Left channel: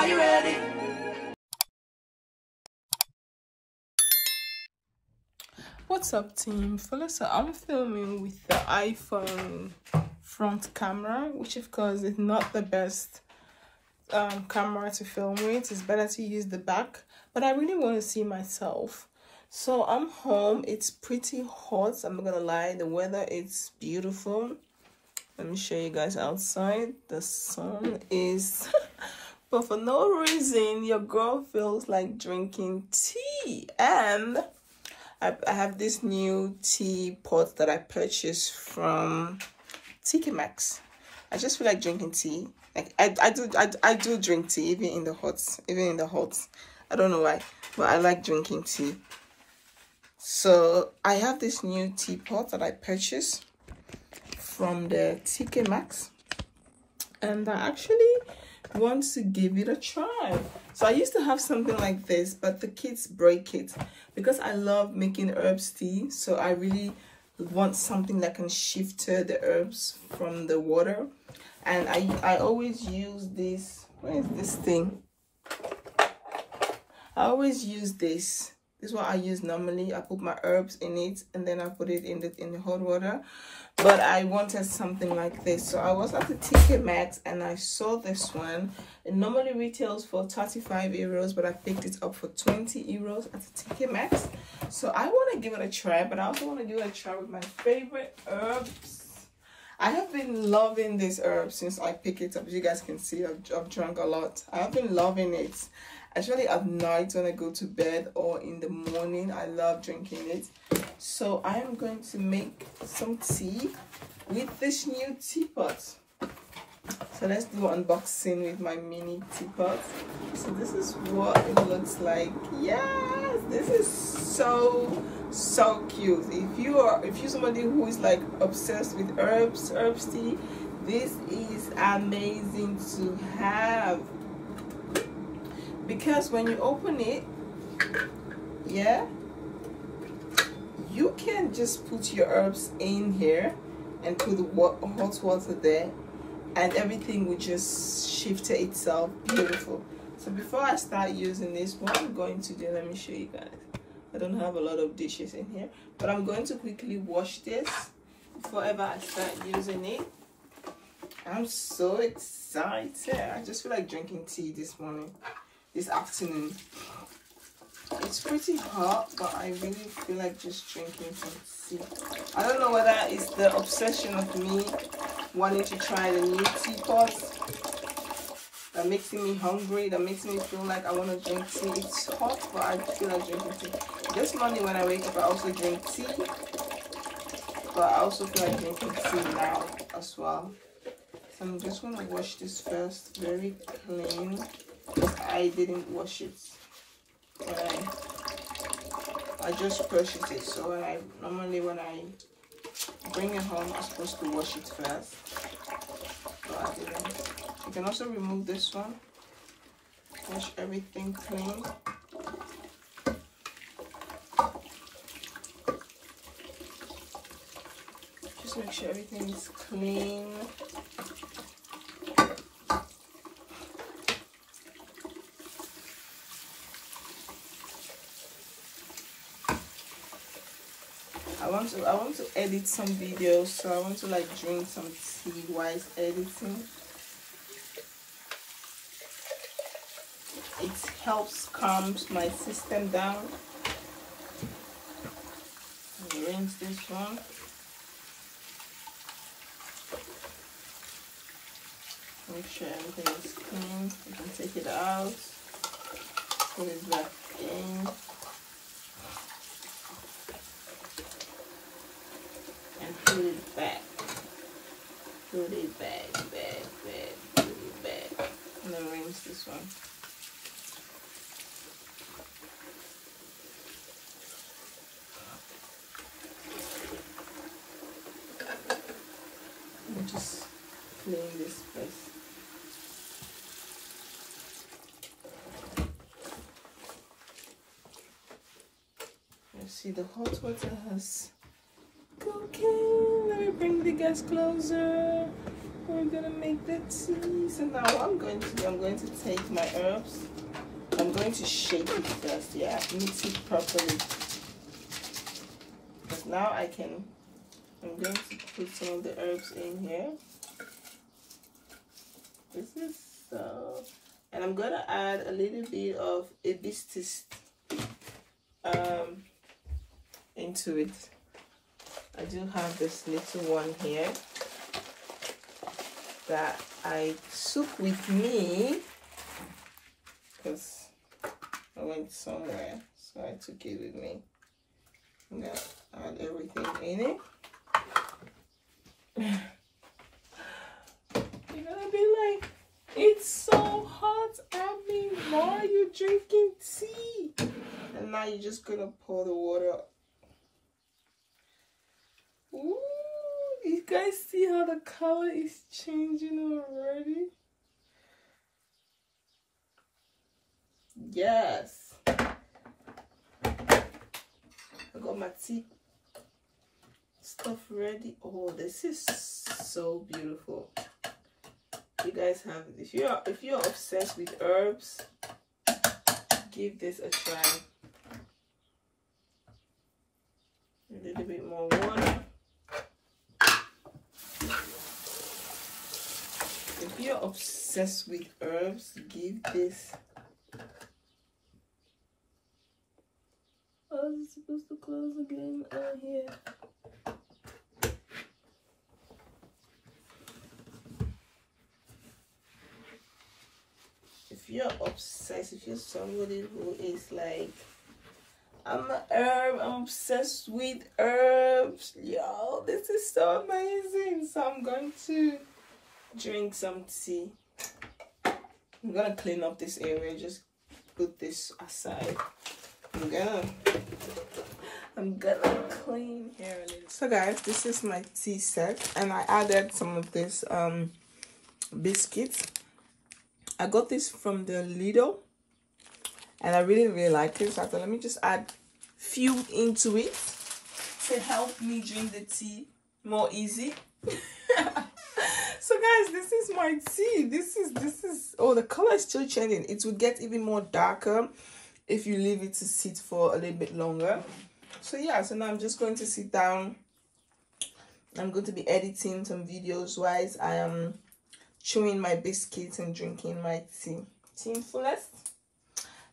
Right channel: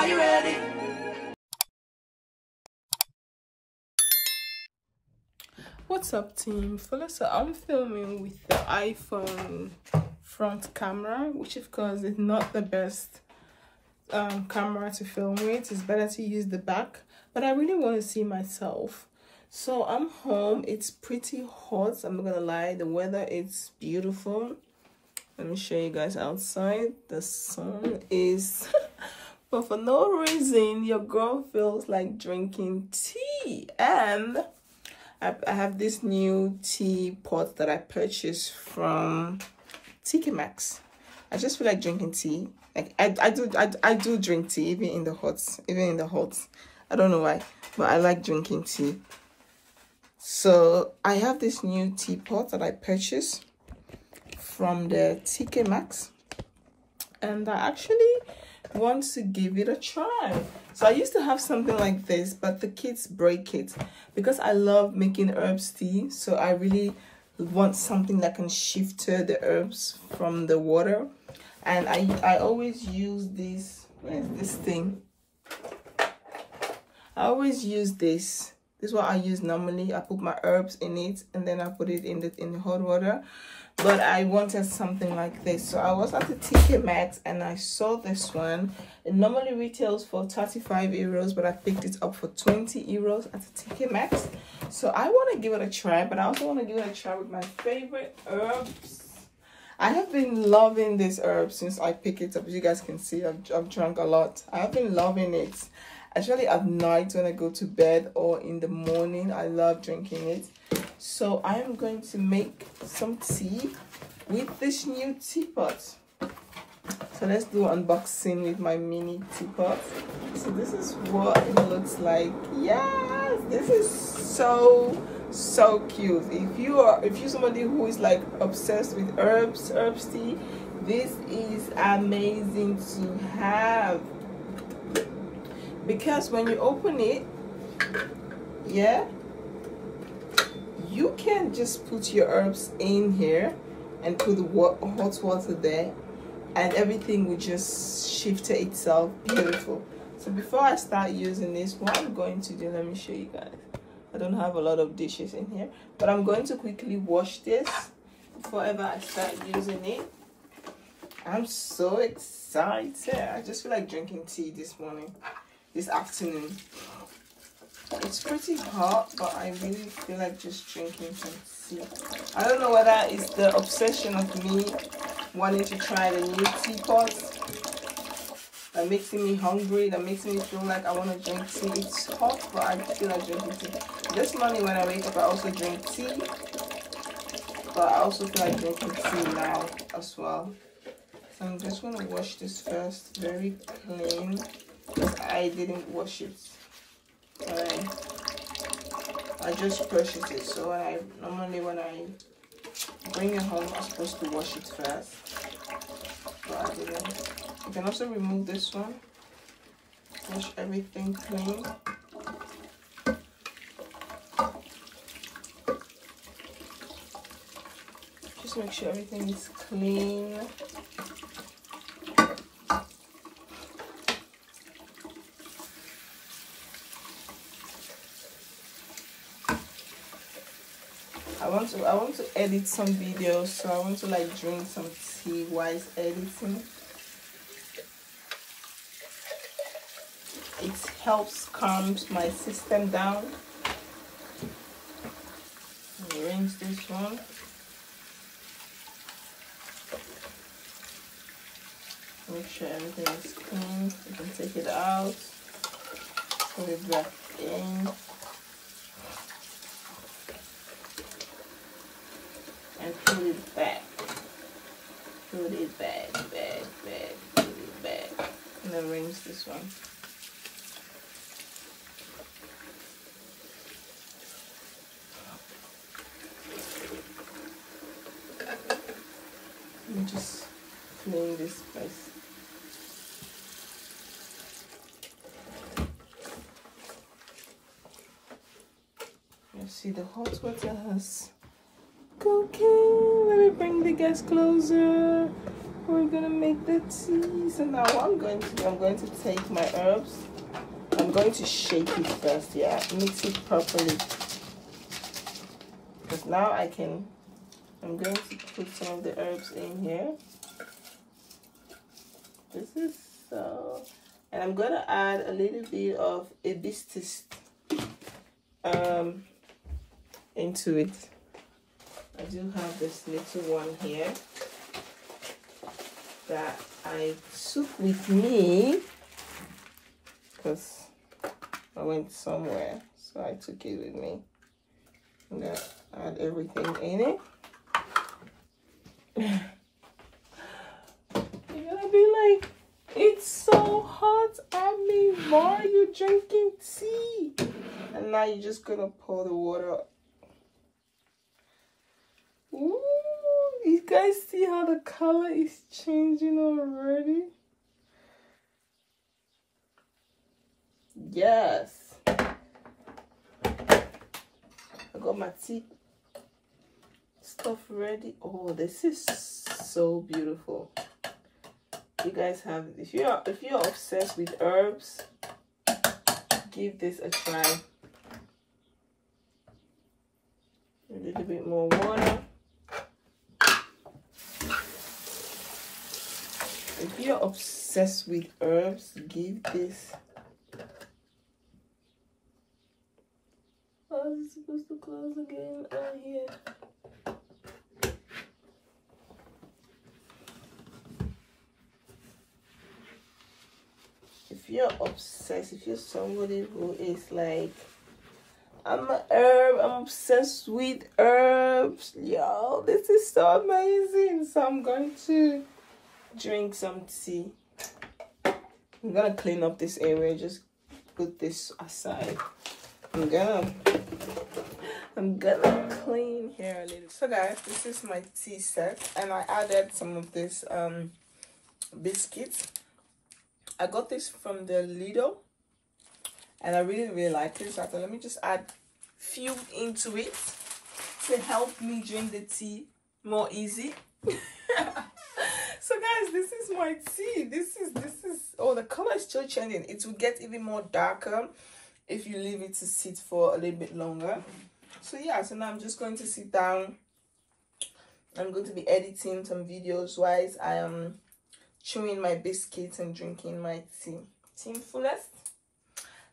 Are you ready? What's up, team? So I'm filming with the iPhone front camera, which of course is not the best camera to film with. It's better to use the back, but I really want to see myself. So I'm home. It's pretty hot, I'm not gonna lie. The weather is beautiful. Let me show you guys outside. The sun is but for no reason your girl feels like drinking tea, and I have this new tea pot that I purchased from TK Maxx. I just feel like drinking tea. Like I do drink tea even in the hot. I don't know why, but I like drinking tea. So I have this new teapot that I purchased from the TK Maxx, and I actually want to give it a try. So I used to have something like this, but the kids break it because I love making herbs tea. So I really want something that can shift the herbs from the water. And I always use this. What is this thing? I always use this. This is what I use normally. I put my herbs in it and then I put it in the hot water. But I wanted something like this. So I was at the TK Maxx and I saw this one. It normally retails for 35 euros, but I picked it up for 20 euros at the TK Maxx. So I want to give it a try, but I also want to give it a try with my favorite herbs. I have been loving this herb since I picked it up. As you guys can see, I've drunk a lot. I have been loving it. Actually, at night when I go to bed or in the morning, I love drinking it. So I am going to make some tea with this new teapot. So let's do unboxing with my mini teapot. So this is what it looks like. Yes, this is so cute. If you're somebody who is like obsessed with herbs tea, this is amazing to have. Because when you open it, yeah, you can just put your herbs in here and put the hot water there, and everything will just shift itself. Beautiful. So before I start using this, what I'm going to do, let me show you guys. I don't have a lot of dishes in here, but I'm going to quickly wash this before ever I start using it. I'm so excited. I just feel like drinking tea this afternoon. It's pretty hot, but I really feel like just drinking some tea. I don't know whether it's the obsession of me wanting to try the new teapot that makes me hungry, that makes me feel like I want to drink tea. It's hot, but I feel like drinking tea. This morning when I wake up, I also drink tea, but I also feel like drinking tea now as well. So I'm just going to wash this first, very clean, because I didn't wash it. I just purchased it, so normally when I bring it home, I'm supposed to wash it first, but I didn't. You can also remove this one, wash everything clean. Just make sure everything is clean. I want to edit some videos, so I want to like drink some tea while editing. It helps calm my system down. Rinse this one. Make sure everything is clean. You can take it out, put it back in. Put it back. Put it back, put it back. And then rinse this one. Let me just clean this place. You see the hot water has cooking. Let me bring the gas closer. we're gonna make the tea. So now what I'm going to take my herbs. I'm going to shake it first, yeah, mix it properly. But now I'm going to put some of the herbs in here. This is so, and I'm gonna add a little bit of hibiscus into it. I do have this little one here that I took with me because I went somewhere, so I took it with me. I'm gonna add everything in it. You're gonna be like, it's so hot, Ami, why are you drinking tea? And now you're just gonna pour the water. Ooh, you guys see how the color is changing already? Yes. I got my tea stuff ready. Oh, this is so beautiful. You guys have, if you're obsessed with herbs, give this a try. A little bit more water. If you're obsessed with herbs, give this. Oh, is it supposed to close again? Oh, here. If you're obsessed, if you're somebody who is like, I'm an herb, I'm obsessed with herbs, yo, this is so amazing. So I'm going to drink some tea. I'm gonna clean up this area, just put this aside. I'm gonna clean here a little. So guys, this is my tea set, and I added some of this biscuits. I got this from the Lidl, and I really like it. So I thought, let me just add few into it to help me drink the tea more easy. So guys, this is my tea. This is oh, the color is still changing. It will get even more darker if you leave it to sit for a little bit longer. So yeah, so now I'm just going to sit down. I'm going to be editing some videos while I am chewing my biscuits and drinking my tea. Team Fullest,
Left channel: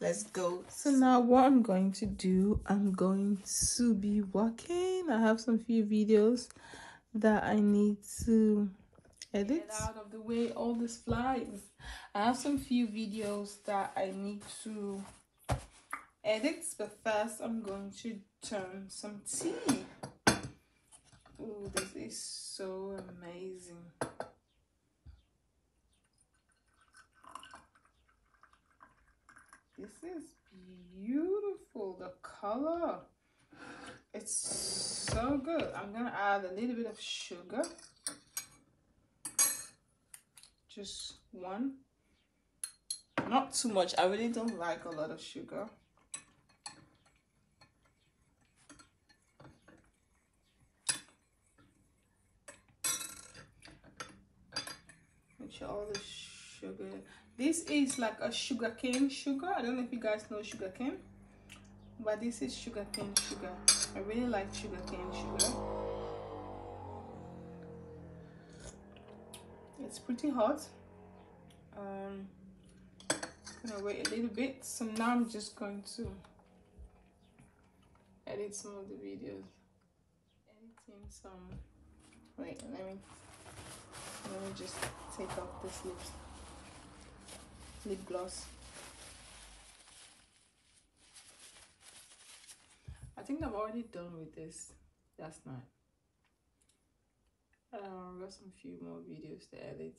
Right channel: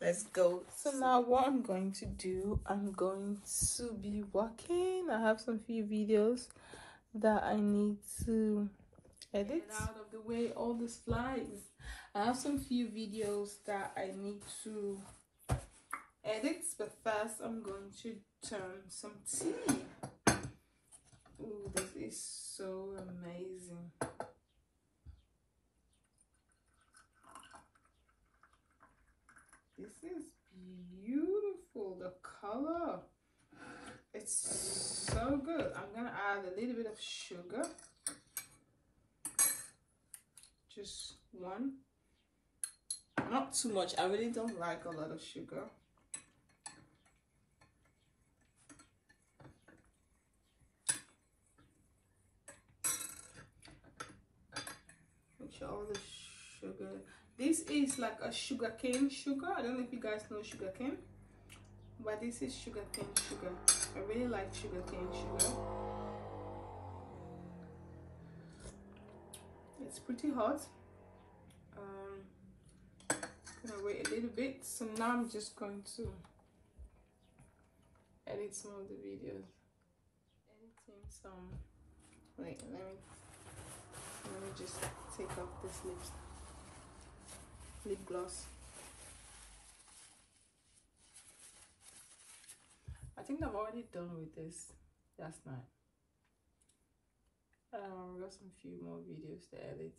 let's go. So now what I'm going to do, I'm going to be working. I have some few videos that I need to edit. Get out of the way, all these flies. I have some few videos that I need to edit, but first I'm going to turn some tea. Oh, this is so amazing. This is beautiful. The color, it's so good. I'm gonna add a little bit of sugar, just one, not too much. I really don't like a lot of sugar. Make sure all the sugar. This is like a sugarcane sugar. I don't know if you guys know sugarcane, but this is sugarcane sugar. I really like sugarcane sugar. It's pretty hot. I'm gonna wait a little bit. So now I'm just going to edit some of the videos. Editing some. Wait, let me just take off this lip gloss. I think I'm already done with this last night. I've got some few more videos to edit.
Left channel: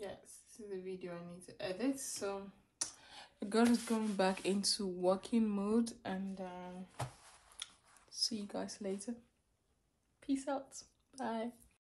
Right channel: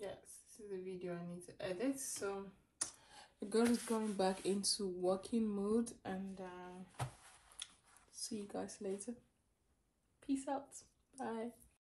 Yes, this is the video I need to edit. So the girl is going back into working mode, and see you guys later. Peace out. Bye.